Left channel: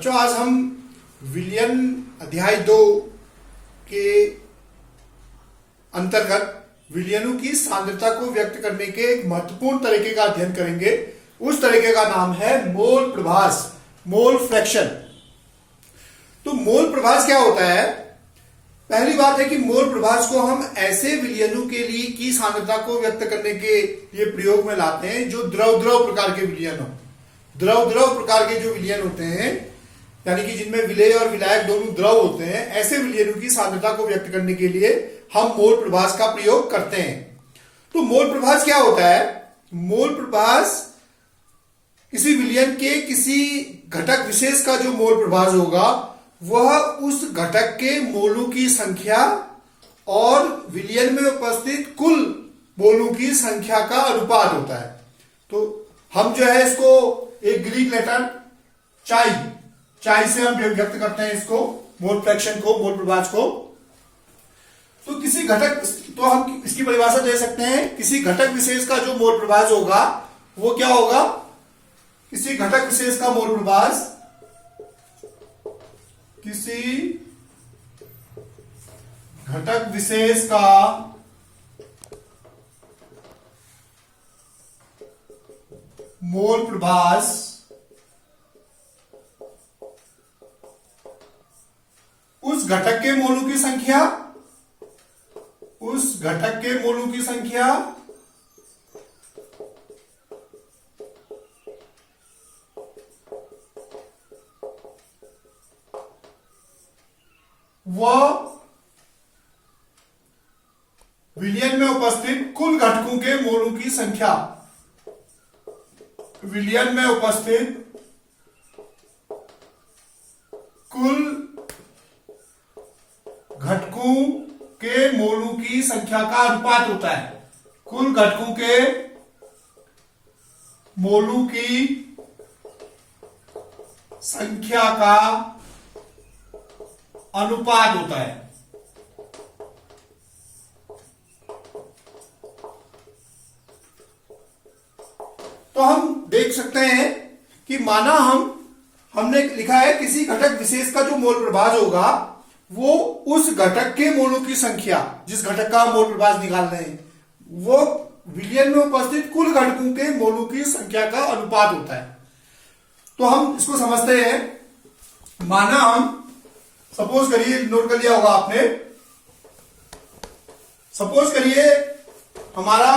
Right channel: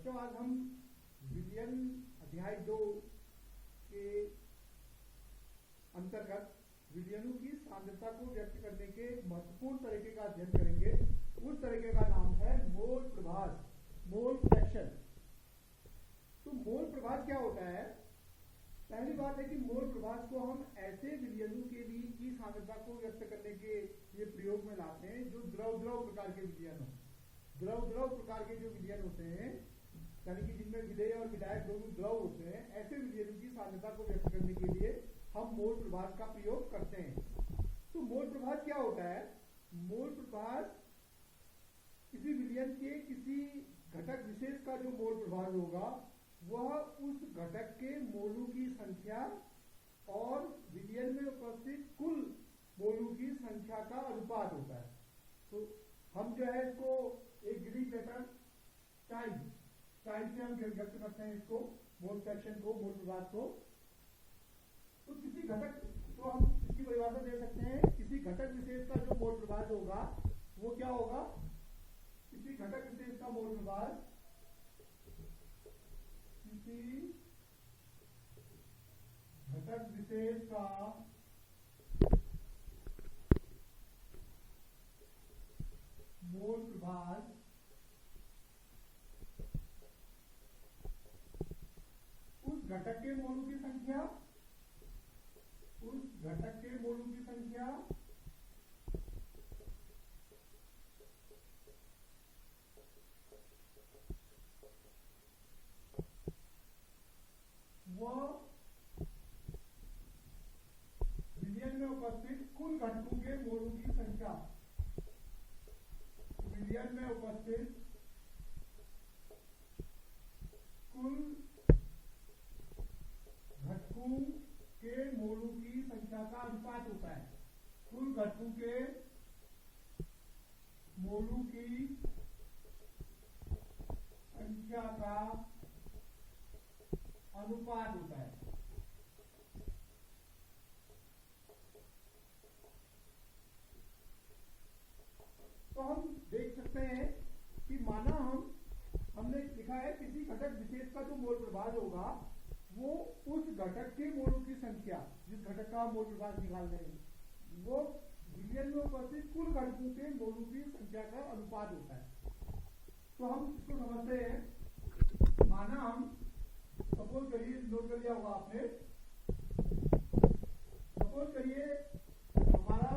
बच्चों आज हम विलयन अध्याय 2 के अंतर्गत विलयनों की सांद्रता को व्यक्त करने के एक महत्वपूर्ण तरीके का अध्ययन करेंगे। उस तरीके का नाम है मोल प्रभास, मोल फ्रैक्शन। तो मोल प्रभास क्या होता है? पहली बात है कि मोल प्रभास को हम ऐसे विलयनों के लिए की सांद्रता को व्यक्त करने के लिए प्रयोग में लाते हैं जो द्रव द्रव प्रकार के विलयन हो। द्रव द्रव प्रकार के जो विलयन होते हैं, यानी कि जिनमें विलेय और विलायक दोनों द्रव होते हैं, ऐसे विलयनों की सांद्रता को व्यक्त करने के लिए हम मोल प्रभास का प्रयोग करते हैं। तो मोल प्रभास क्या होता है? मोल प्रभास किसी विलयन के किसी घटक विशेष का जो मोल प्रभास होगा वह उस घटक के मोलों की संख्या और विलयन में उपस्थित कुल मोलों की संख्या का अनुपात होता है। तो हम जो है इसको एक ग्रीक लेटर चाई से हम व्यक्त करते हैं इसको, मोल फ्रैक्शन को, मोल प्रभास को। तो किसी घटक, तो हम इसकी परिभाषा दे सकते हैं, किसी घटक विशेष का जो मोल प्रभास होगा वो क्या होगा? किसी घटक विशेष का मोल प्रभास, किसी घटक विशेष का मोल प्रभास उस घटक के मोलों की संख्या, उस घटक के मोलों की संख्या व विलयन में उपस्थित कुल घटकों के मोलों की संख्या, विलयन में उपस्थित कुल घटकों के मोलों की संख्या का अनुपात होता है। कुल घटकों के मोलों की संख्या का अनुपात होता है। तो हम देख सकते हैं कि माना हमने लिखा है किसी घटक विशेष का जो मोल प्रभास होगा वो उस घटक के मोलों की संख्या, जिस घटक का मोल प्रभास निकाल रहे हैं, वो विलयन में उपस्थित कुल घटकों के मोलों की संख्या का अनुपात होता है। तो हम इसको समझते हैं। माना हम सपोज करिए, नोट कर लिया होगा आपने, सपोज करिए हमारा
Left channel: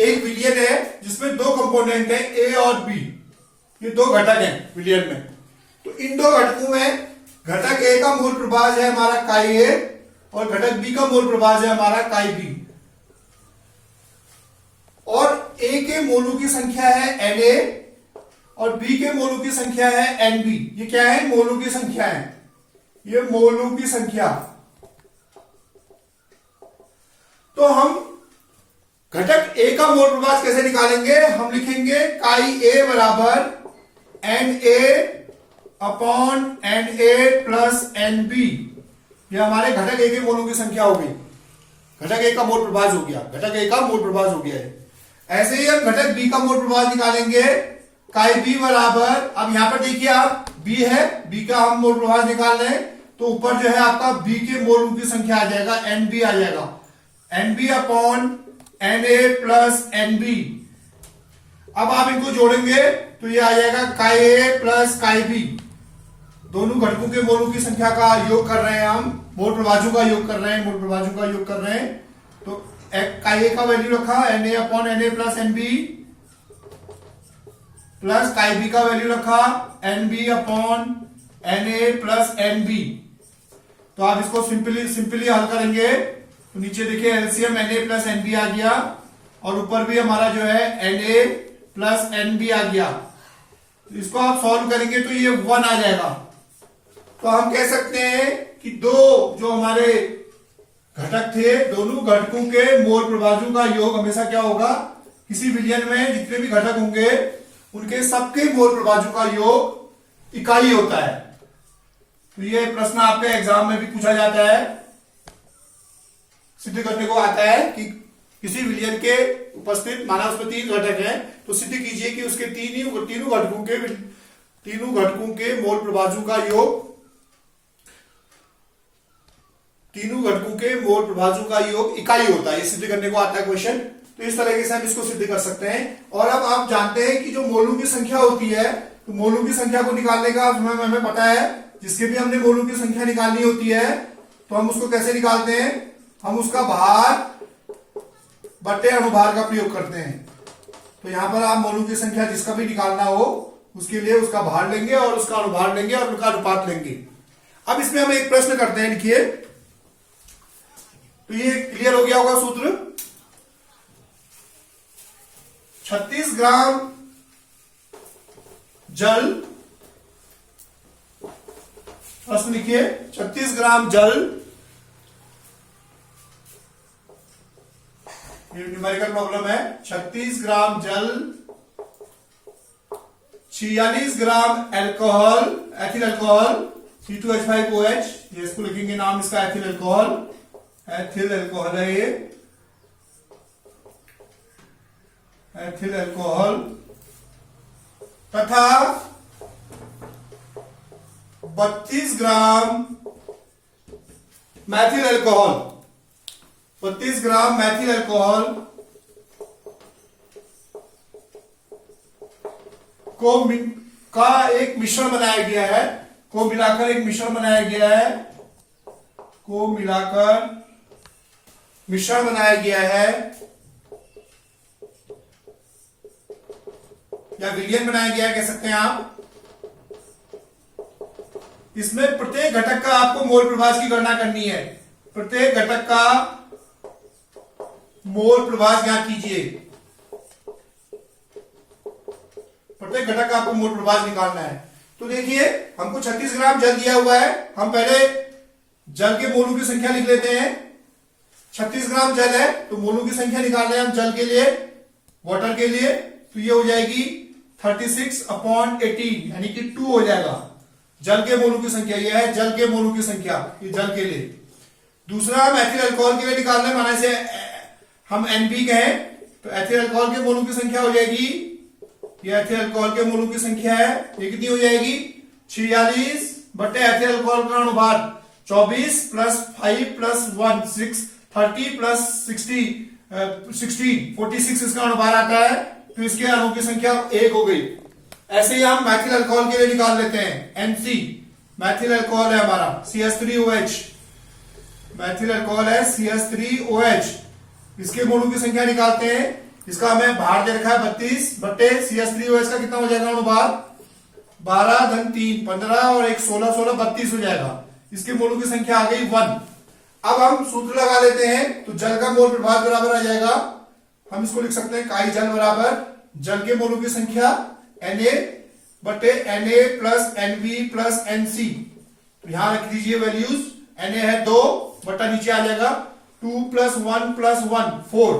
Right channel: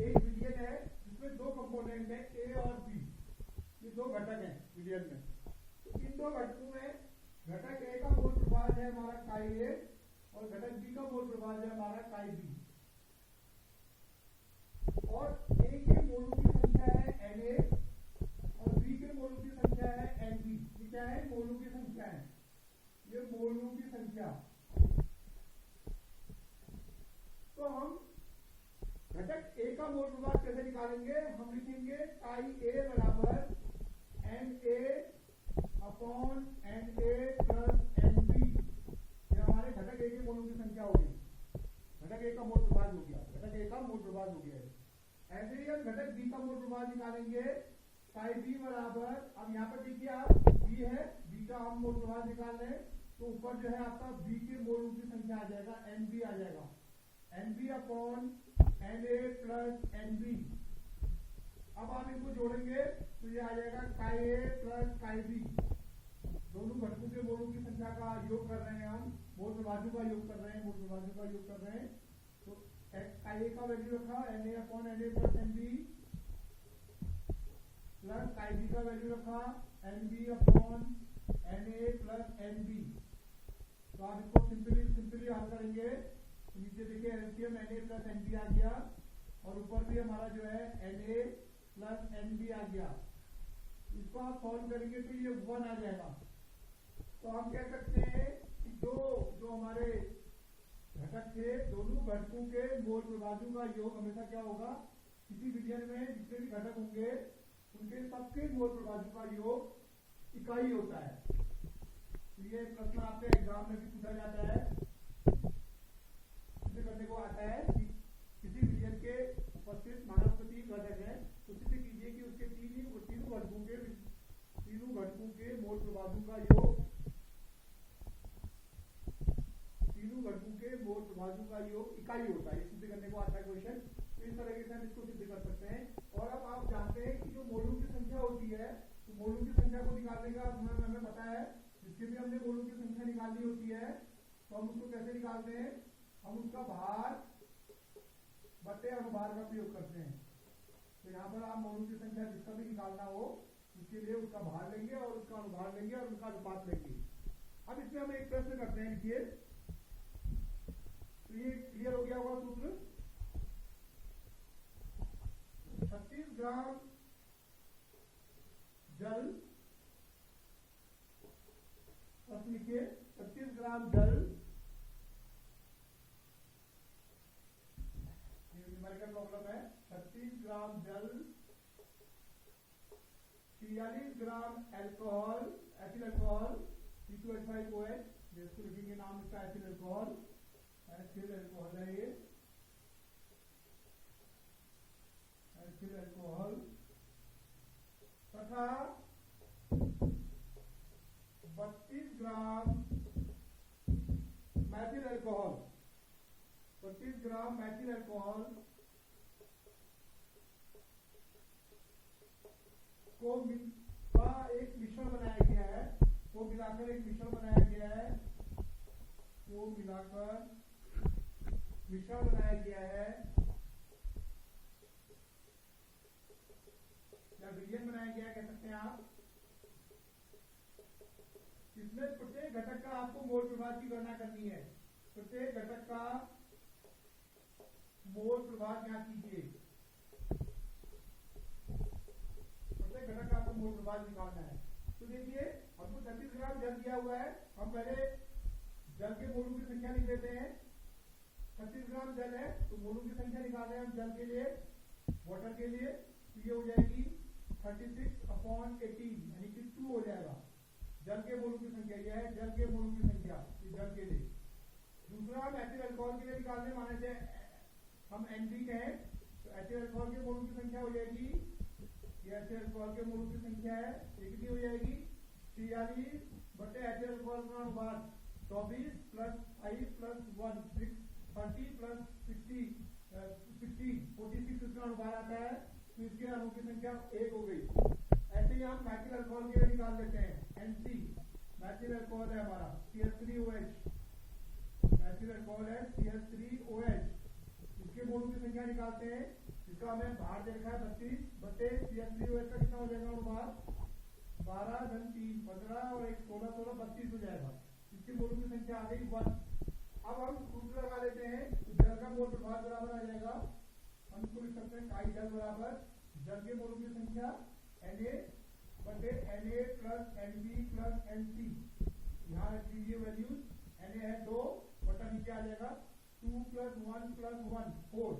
एक विलयन है जिसमें दो कंपोनेंट है ए और बी। ये दो घटक हैं विलयन में। तो इन दो घटकों में घटक ए का मोल प्रभास है हमारा काई ए और घटक बी का मोल प्रभास है हमारा काई बी। और ए के मोलों की संख्या है एन ए और बी के मोलों की संख्या है एन बी। ये क्या है? मोलों की संख्या है, ये मोलों की संख्या। तो हम घटक ए का मोल प्रभास कैसे निकालेंगे? हम लिखेंगे काई ए बराबर n A upon n A plus n B. ये हमारे घटक ए के मोलों की संख्या हो गई। घटक ए का मोल प्रभास हो गया, घटक ए का मोल प्रभास हो गया है। ऐसे ही हम घटक बी का मोल प्रभास निकालेंगे, काई बी बराबर, अब यहां पर देखिए आप बी है, बी का हम मोल प्रभास निकाल रहे हैं, तो ऊपर जो है आपका बी के मोलों की संख्या आ जाएगा, एन बी आ जाएगा, n B upon n A plus n B. अब आप इनको जोड़ेंगे तो ये आ जाएगा काई ए प्लस काई बी। दोनों घटकों के मोलों की संख्या का योग कर रहे हैं हम, मोल प्रभाजों का योग कर रहे हैं, मोल प्रभाजों का योग कर रहे हैं। तो काई ए का वैल्यू रखा n A upon n A plus n B, plus chi B का वैल्यू रखा n B upon n A plus n B. तो आप इसको सिंपली हल करेंगे तो नीचे देखिए LCM n A plus n B आ गया और ऊपर भी हमारा जो है n A plus n B आ गया। तो इसको आप सॉल्व करेंगे तो ये 1 आ जाएगा। तो हम कह सकते हैं कि दो जो हमारे घटक थे, दोनों घटकों के मोल प्रभाजों का योग हमेशा क्या होगा? किसी विलयन में जितने भी घटक होंगे उनके सबके मोल प्रभाजों का योग इकाई होता है। तो ये प्रश्न आपके एग्जाम में भी पूछा जाता है, सिद्ध करने को आता है कि किसी विलयन के उपस्थित, माना उसमें 3 घटक हैं, तो सिद्ध कीजिए कि उसके तीनों घटकों के तीनों घटकों के मोल प्रभाजों का योग, तीनों घटकों के मोल प्रभाजों का योग इकाई होता है। ये सिद्ध करने को आता है क्वेश्चन। तो इस तरीके से हम इसको सिद्ध कर सकते हैं। और अब आप जानते हैं कि जो मोलों की संख्या होती है, तो मोलों की संख्या को निकालने का हमें पता है, जिसके भी हमने मोलों की संख्या निकालनी होती है तो हम उसको कैसे निकालते हैं, हम उसका भार बटे अनुभार का प्रयोग करते हैं। तो यहां पर आप मोलों की संख्या जिसका भी निकालना हो उसके लिए उसका भार लेंगे और उसका अनुभार लेंगे और उनका अनुपात लेंगे। अब इसमें हम एक प्रश्न करते हैं, लिखिए। तो ये क्लियर हो गया होगा सूत्र। 36 ग्राम जल, प्रश्न लिखिए, 36 ग्राम जल, ये न्यूमेरिकल प्रॉब्लम है। 36 ग्राम जल, 46 ग्राम एल्कोहल, एथिल अल्कोहल C2H5OH, ये इसको लिखेंगे नाम इसका एथिल अल्कोहल, एथिल अल्कोहल है ये, एथिल अल्कोहल, तथा 32 ग्राम मैथिल अल्कोहल, 32 ग्राम मैथिल अल्कोहल का एक मिश्रण बनाया गया है, को मिलाकर एक मिश्रण बनाया गया है, को मिलाकर मिश्रण बनाया गया है या विलयन बनाया गया है कह सकते हैं आप। इसमें प्रत्येक घटक का आपको मोल प्रभाज की गणना करनी है। प्रत्येक घटक का मोल प्रभाज ज्ञात कीजिए। प्रत्येक घटक का आपको मोल प्रभाज निकालना है। तो देखिए हमको 36 ग्राम जल दिया हुआ है, हम पहले जल के मोलों की संख्या लिख लेते हैं। 36 ग्राम जल है तो मोलों की संख्या निकाल रहे हैं हम जल के लिए, वाटर के लिए। तो ये हो जाएगी 36/18 यानी कि 2 हो जाएगा। जल के मोलों की संख्या ये है, जल के मोलों की संख्या, ये जल के लिए। दूसरा हम एथिल अल्कोहल के लिए निकाल रहे हैं, माना से हम NP कहें तो एथिल अल्कोहल के मोलों की संख्या हो जाएगी, ये एथिल अल्कोहल के मोलों की संख्या है, ये कितनी हो जाएगी 46 बटे एथिल अल्कोहल का अनुपात 24 + 5 + 1 6 30 + 60 16 46 इसका अनुपात आता है। तो इसके अणुओं की संख्या 1 हो गई। ऐसे ही हम मैथिल अल्कोहल के लिए निकाल लेते हैं। NC मैथिल अल्कोहल है हमारा, CH3OH मैथिल अल्कोहल है, CH3OH। इसके मोलों की संख्या निकालते हैं। इसका हमें भार दे रखा है 32 बटे CH3OH का कितना हो जाएगा अनुपात 12 धन 3 15 और 1 16 16 32 हो जाएगा। इसके मोलों की संख्या आ गई 1। अब हम सूत्र लगा लेते हैं। तो जल का मोल प्रभाव बराबर आ जाएगा, हम इसको लिख सकते हैं काई जल बराबर जल के मोलों की संख्या Na बटे Na + Nv + Nc। तो यहां रख दीजिए वैल्यूज। Na है 2 बटा नीचे आ जाएगा 2 + 1 + 1 4।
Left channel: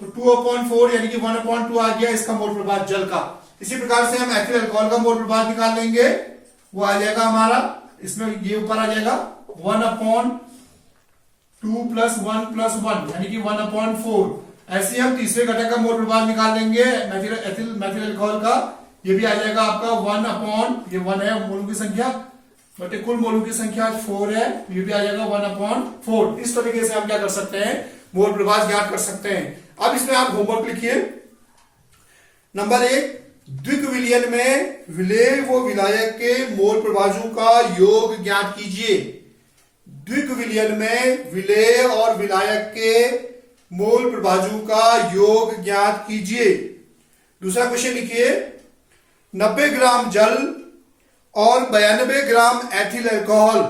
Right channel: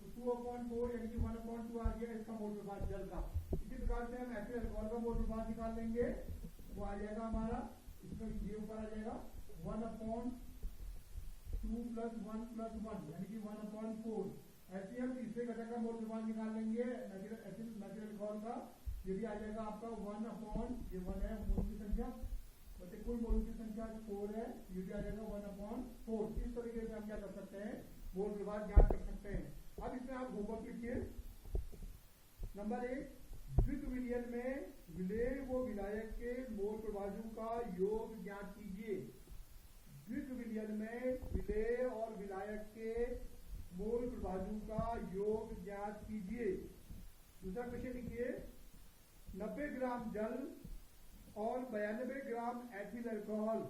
तो 2/4 यानी कि 1/2 आ गया इसका मोल प्रभाव जल का। इसी प्रकार से हम एथिल अल्कोहल का मोल प्रभाव निकाल लेंगे, वो आ जाएगा हमारा, इसमें ये ऊपर आ जाएगा 1/2 + 1 + 1 यानी कि 1/4। ऐसे हम तीसरे घटक का मोल प्रभाव निकाल लेंगे मैथिल अल्कोहल का, ये भी आ जाएगा आपका 1/, ये 1 है मोलों की संख्या बटे कुल मोलों की संख्या 4 है, ये भी आ जाएगा 1/4। इस तरीके से हम क्या कर सकते हैं, मोल प्रभाव ज्ञात कर सकते हैं। अब इसमें आप होमवर्क लिखिए। नंबर 1, द्विक विलयन में विलेय व विलायक के मोल प्रभाजों का योग ज्ञात कीजिए। द्विक विलयन में विलेय और विलायक के मोल प्रभाजों का योग ज्ञात कीजिए। दूसरा क्वेश्चन लिखिए, 90 ग्राम जल और 92 ग्राम एथिल अल्कोहल,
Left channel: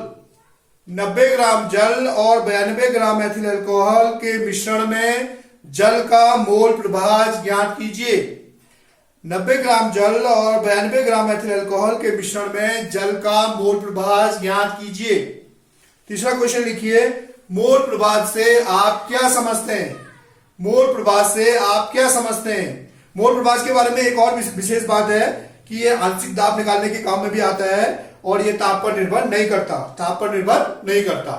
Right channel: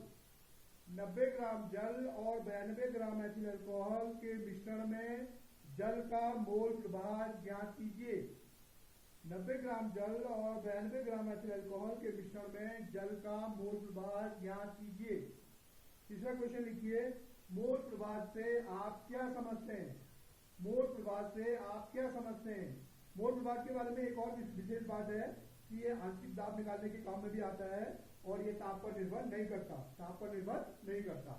90 ग्राम जल और 92 ग्राम एथिल अल्कोहल के मिश्रण में जल का मोल प्रभाज ज्ञात कीजिए। 90 ग्राम जल और 92 ग्राम एथिल अल्कोहल के मिश्रण में जल का मोल प्रभाज ज्ञात कीजिए। तीसरा क्वेश्चन लिखिए, मोल प्रभाज से आप क्या समझते हैं। मोल प्रभाज से आप क्या समझते हैं। मोल प्रभाज के बारे में एक और विशेष बात है कि ये आंशिक दाब निकालने के काम में भी आता है और ये ताप पर निर्भर नहीं करता, ताप पर निर्भर नहीं करता।